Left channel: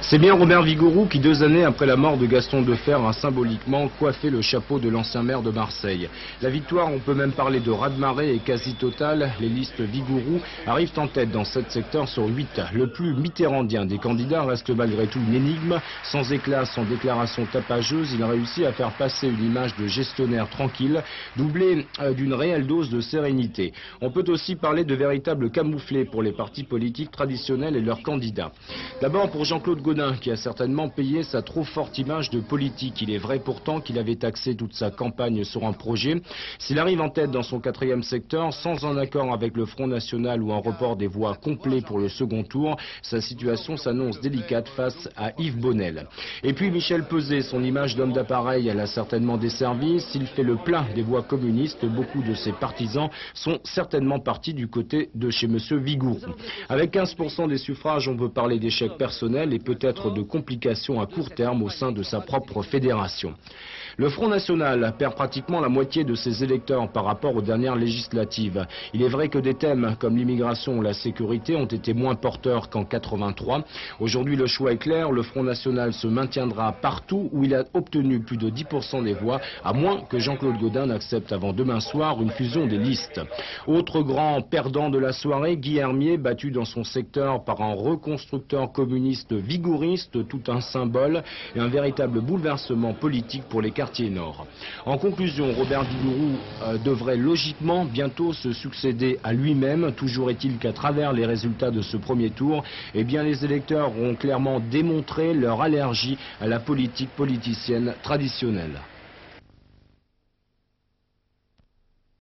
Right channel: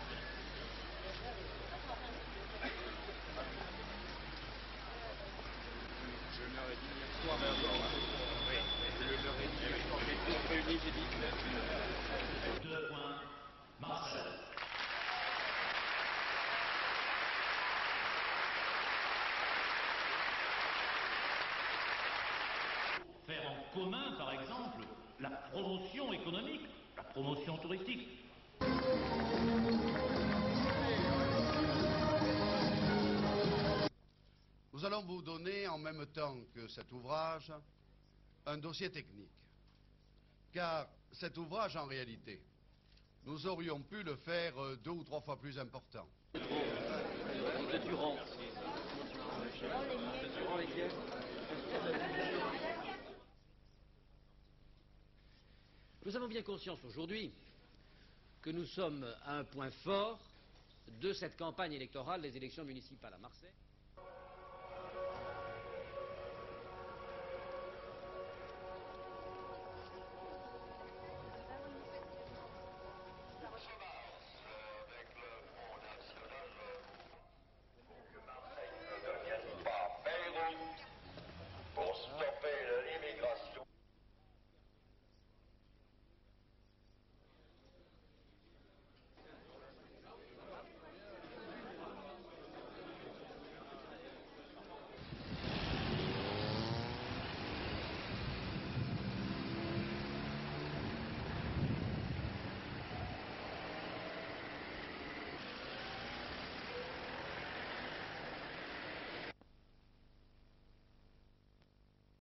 C'est bien Robert Vigouroux qui, 2 années après la mort de Gaston Defferre, a symboliquement coiffé le chapeau de l'ancien maire de Marseille. La victoire, on peut même parler de raz-de-marée, est quasi totale. Les listes Vigouroux arrivent en tête dans 7 secteurs sur 8. Le plus mitterrandien des candidats reste malgré tout une énigme. Sans éclat, sans déclaration tapageuse, il a réussi à faire passer une image de gestionnaire tranquille, doublée d'une réelle dose de sérénité. On peut aussi parler de véritables camouflés pour les partis politiques traditionnels et leurs candidats. D'abord pour Jean-Claude Gaudin, qui a certainement payé sa trop forte image de politique. Il est vrai pourtant qu'il avait axé toute sa campagne sur un projet. S'il arrive en tête dans son 4e secteur, sans un accord avec le Front National ou un report des voix complet pour le second tour, sa situation s'annonce délicate face à Yves Bonnel. Et puis Michel Peuzet, son image d'homme d'appareil, elle a certainement desservi. S'il fait le plein des voix communistes, beaucoup de ses partisans sont certainement partis du côté de chez M. Vigouroux. Avec 15% des suffrages, on peut parler d'échec personnel et peut-être de complications à court terme au sein de sa propre fédération. Le Front National perd pratiquement la moitié de ses électeurs par rapport aux dernières législatives. Il est vrai que des thèmes comme l'immigration ou la sécurité ont été moins porteurs qu'en 83. Aujourd'hui, le choix est clair, le Front National se maintiendra partout où il a obtenu plus de 10% des voix, à moins que Jean-Claude Gaudin n'accepte avant demain soir une fusion des listes. Autre grand perdant de la soirée, Guy Hermier, battu dans son secteur par un reconstructeur communiste vigouriste, tout un symbole et un véritable bouleversement politique pour les quartiers nord. En conclusion, Robert Vigouroux devrait logiquement bientôt se succéder à lui-même. Toujours est-il qu'à travers les résultats de ce premier tour, eh bien, les électeurs ont clairement démontré leur allergie à la politique politicienne traditionnelle.